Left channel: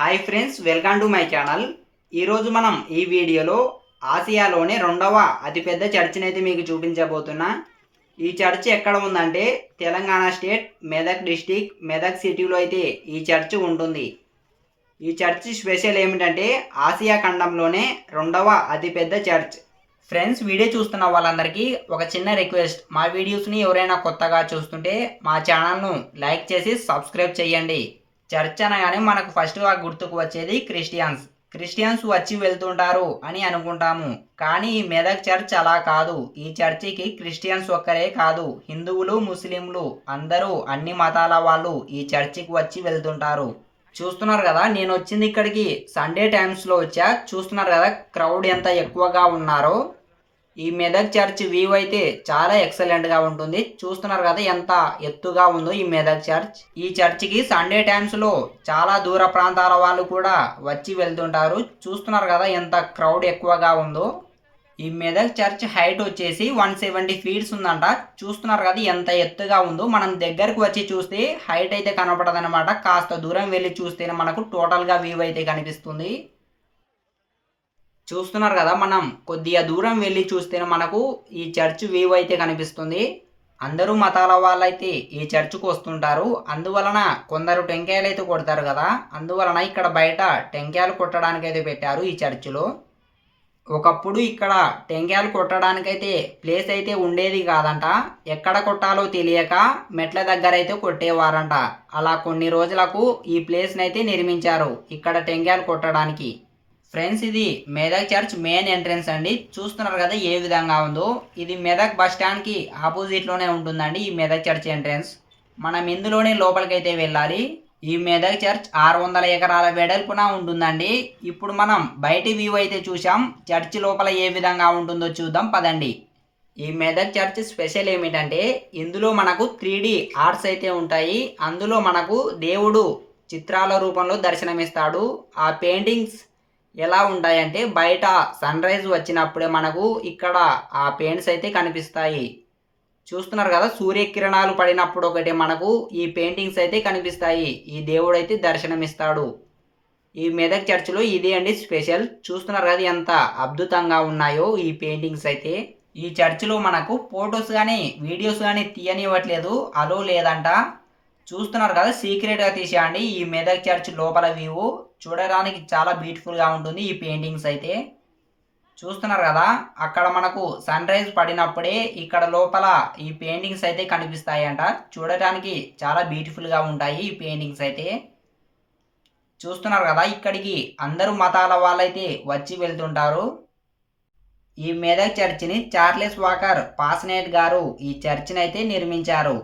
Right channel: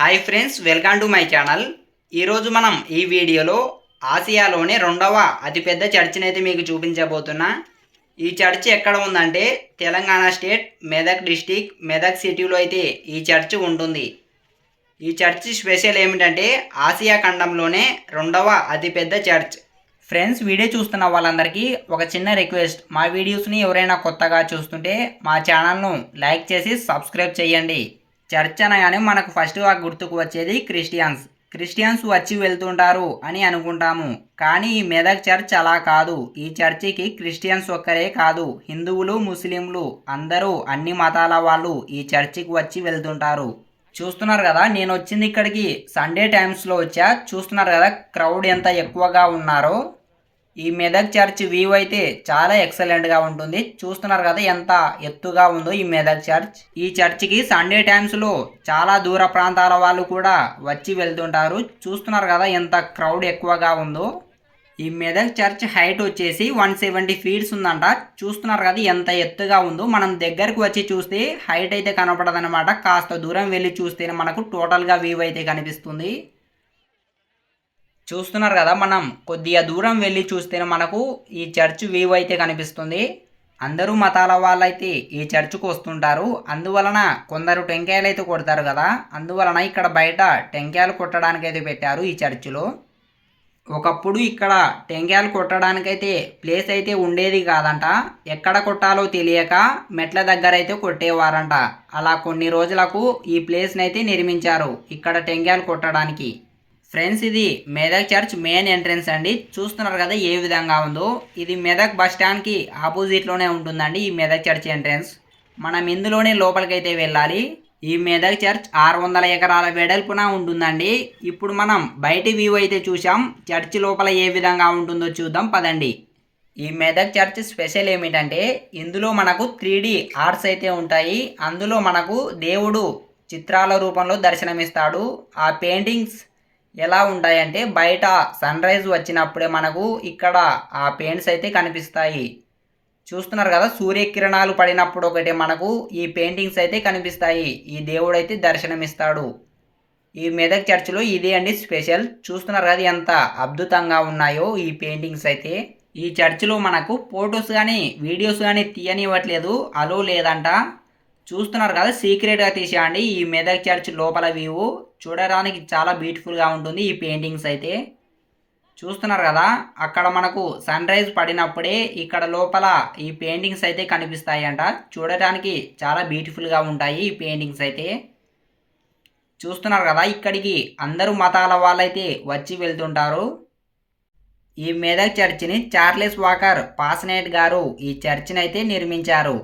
Hi friends welcome to my channel. ఈరోజు మనం ఈ వీడియోలో ఆసియాలోనే రెండవ అతిపెద్ద చర్చిని అయితే మీకు చూపించబోతున్నా. ఈ చర్చ్ ఎక్కడ ఉందంటే తెలంగాణ స్టేట్ మెదక్ డిస్టిక్ మెదక్ సిటీలో అయితే ఈ చర్చ్ ఉంటుంది. ఈ చర్చ్ స్పెషల్ ఏమిటంటే ఆసియా ఖండంలోనే రెండవ అతిపెద్ద చర్చ్. ఫ్రెండ్స్ వీడియో చూస్తున్న వాళ్ళందరికీ ఒక చిన్న రిక్వెస్ట్. మా వీడియోస్ని ఎవరైనా కొత్తగా చూస్తుంటే మా ఛానల్ను లైక్ చేసి సబ్స్క్రైబ్ చేయండి. చర్చ్ అనగానే మనకు ఫస్ట్ గుర్తుకు వచ్చేది క్రిస్టియన్స్. క్రిస్టియన్స్ వచ్చి వెళ్తుంటారు అని అనుకుంటాము. కానీ ఈ మెదక్ చర్చ్ అలా కాదు. ఈ చర్చికి క్రిస్టియన్స్ ఒక్కరే కాదు. హిందువులు ముస్లింలు అందరూ అన్ని మతాల వాళ్ళు ఈ చర్చికి వచ్చి వెళ్తుంటారు. చూస్తున్నారు కదా నేను వచ్చింది ఇక్కడికి. సండే టైమ్స్లో వచ్చా. చూస్తున్నారు కదా క్రౌడ్ ఎంత ఎక్కువగా ఉన్నారో. ఈ మెదక్ చర్చ్ వ్యూ అయితే చాలా ఎక్సలెంట్గా ఉంటుంది. చూస్తున్నారు కదా ఎంత ఎత్తుగా ఉందో ఈ మెదక్ చర్చ్. ఈ చర్చ్కి సండే టైమ్స్లో చాలా దూర ప్రాంతాల వాళ్ళు కూడా వచ్చి వెళ్తుంటారు. చూస్తున్నారు కదా ఎంత క్రౌడ్ ఎక్కువగా ఉందో. ఈ మెదక్ చర్చ్ హైట్ వచ్చేసి వన్ సెవెంటీ ఫీట్స్ ఉందంట. చూస్తున్నారు కదా ఎంత ఎత్తుగా ఉందో. మనం దగ్గరకు వచ్చి చూస్తే హైట్ అయితే కనపడదనమాట కాస్త దూరం వెళ్ళి చూస్తేనే మనకు టోటల్గా వ్యూ అయితే కనిపిస్తుంది. చూస్తున్నారు కదా మనం. కొద్దిగా దూరం వెళ్ళి చూస్తే మనకు ఈ చర్చ్ వ్యూ అయితే కనిపిస్తుంది. అందరూ మతాల వాళ్ళైతే ఈ చర్చ్కు వస్తుంటారు. అందువలన కొందరు టెంకాయలు అయితే కొడతారు కదా. అందువలన ఇక్కడ బయట టెంకాయలు కొట్టడానికి అయితే పెట్టారు ఈ చర్చిలో. ఒకప్పుడు ఇక్కడ టెంకాయలు కొట్టడానికైతే ప్లేస్ అయితే ఉండేది కాదంట. ఎక్కడ కొట్టాలో తెలియక మెట్ల దగ్గర అయితే కొట్టేవారంట. అలా కొన్ని రోజులకు ఈ ప్లేస్ని అయితే నిర్మించారు ఇక్కడ టెంకాయలు కొట్టడానికి. ఫ్రెండ్స్ ఇది మెదక్ చర్చ్ మెయిన్ ఎంట్రన్స్ అండి. చూస్తున్నారు కదా ఏ విధంగా ఉందో. ఇది మెదక్ బస్ స్టాండ్కి ఆపోజిట్లోనే ఉంటుందండి ఈ మెదక్ చర్చ్ ఎంట్రన్స్. మనం ఇందులోనే లోపలికైతే వెళ్ళాలి. ఈ మెదక్ చర్చ్ ఆరు వందల ఎకరాల వెడల్పున ఉంటుందండి. ఇప్పుడు మనం బయటి వ్యూ అయితే చూసాం చర్చ్ లోపల ఏ విధంగా ఉంటుందో చూద్దాం. పదండి. ఈ మెదక్ చర్చ్ స్పెషల్ ఏమిటంటే ఇందులో మనకు త్రీ ఆర్ట్స్ అయితే ఉంటాయి. అందులో మనకు దేవుడు చిత్రాల రూపంలో దర్శనమిస్తాడు. ఆ పెయింటింగ్స్ ఎలా ఉంటాయంటే బయట సన్ రైజ్ వచ్చినప్పుడే మనకు ఇక్కడ ఆ పెయింట్స్ అయితే కనిపిస్తాయి. చూస్తున్నారు కదా సూర్యకిరణాలు పడినప్పుడు ఒకటి మనకు ఈ పెయింటింగ్స్ అయితే కనిపిస్తాయి. ఈ దేవుడు అయితే దర్శనమిస్తాడు. ఈ మెదక్ చర్చిలో ఇదే అండి స్పెషల్. చూస్తున్నారు కదా ఎంత అద్భుతంగా ఉన్నాయో ఈ పెయింటింగ్స్ అయితే. ఈ చర్చిలో మనకు ఫొటోస్ కానీ వీడియోస్ కానీ తీయనివ్వట్లేదు. అలో లేదంట. చూస్తున్నారు కదా సీక్రెట్గా తీసేయండి. ఈ మెదక్ చర్చ్ లోపల వ్యూ చూడడానికి చాలా బ్యూటిఫుల్గా ఉంటుంది ఈ పెయింటింగ్స్ అయితే. చూస్తున్నారు కదా అక్కడ మనకు సన్ రైజ్ పడినప్పుడే ఇక్కడ లోపల ఈ పెయింటింగ్స్ అయితే కనిపిస్తాయంట. చూడటానికి చాలా బ్యూటిఫుల్గా ఉంటాయి ఈ పెయింటింగ్స్ అయితే. చూస్తున్నారు కదా ఇక్కడికి అందరూ మతాల వాళ్ళైతే వచ్చి వెళ్తుంటారు. ఈ మెదక్ చర్చిని చార్లెస్ వాకర్ పాసనేట్ గారు ఈ చర్చిని అయితే నిర్మించారు.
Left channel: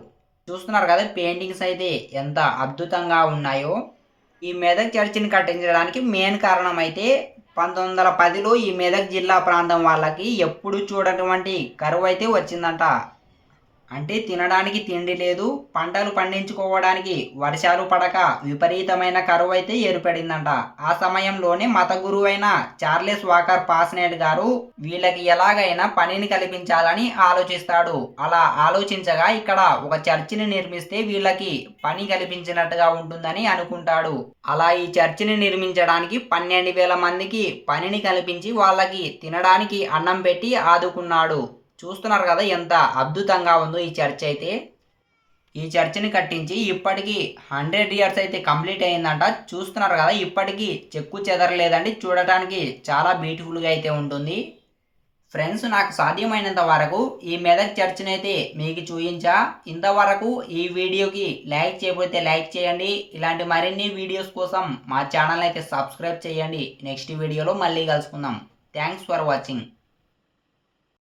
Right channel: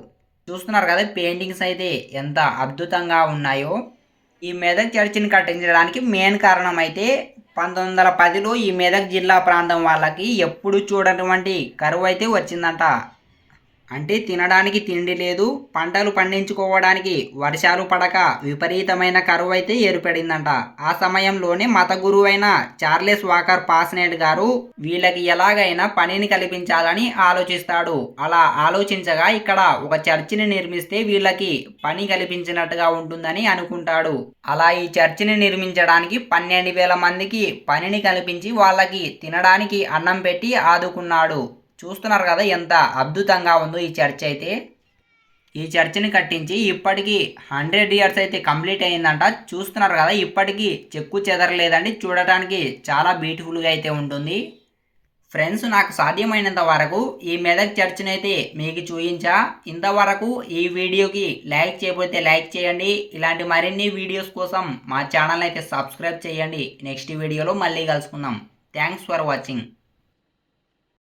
చూస్తున్నారు కదా పెయింటింగ్స్ అయితే ఎంత అద్భుతంగా ఉన్నాయో. ఈ మెదక్ చర్చిని కట్టించడానికి మెయిన్ కారణం అయితే పంతొమ్మిది వందల పదిలో ఈ మెదక్ జిల్లా ప్రాంతం వాళ్ళకి ఎప్పుడు చూడటువంటి కరువు అయితే వచ్చిందంట. అంటే తినడానికి తిండి లేదు పంటలు పండించుకోవడానికి వర్షాలు పడక విపరీతమైన కరువు అయితే ఏర్పడిందంట. ఆ సమయంలోనే మత గురువైన చార్లెస్ వాకర్ పాస్నేట్ గారు వీళ్ళకి ఎలాగైనా పనిని కల్పించాలని ఆలోచిస్తాడు. అలా ఆలోచించగా ఇక్కడ ఒక చర్చిని నిర్మిస్తే వీళ్ళకి పని కల్పించినట్టుగా ఉంటుందని అనుకుంటాడు. అలా ఈ చర్చిని నిర్మించడానికి పన్నెండు వేల మందికి పనిని కల్పించి వాళ్ళకి తినడానికి అన్నం పెట్టి ఆదుకున్నాడు. చూస్తున్నారు కదా ఎంత అద్భుతంగా ఉందో ఈ చర్చ్ అయితే. ఈ చర్చిని కట్టించి ఇప్పటికీ హండ్రెడ్ ఇయర్స్ అయితే కంప్లీట్ అయిందంట. చూస్తున్నారు కదా ఇప్పటికీ చెక్కు చెదరలేదండి. చూడటానికి చాలా బ్యూటిఫుల్గా అయితే ఉంటుంది. ఫ్రెండ్స్ నాకు సాధ్యమైనంత వరకు ఈ మెదక్ చర్చిని అయితే మీకు చూయించా ఇంతవరకు ఈ వీడియోకి లైక్ చేయబోతే లైక్ చేయండి. ఇలాంటి మరిన్ని వీడియోస్ కోసం మా ఛానల్ అయితే సబ్స్క్రైబ్ చేయండి. నెక్స్ట్ వీడియోలో మళ్ళీ కలుసుకుందాం. Thanks for watching.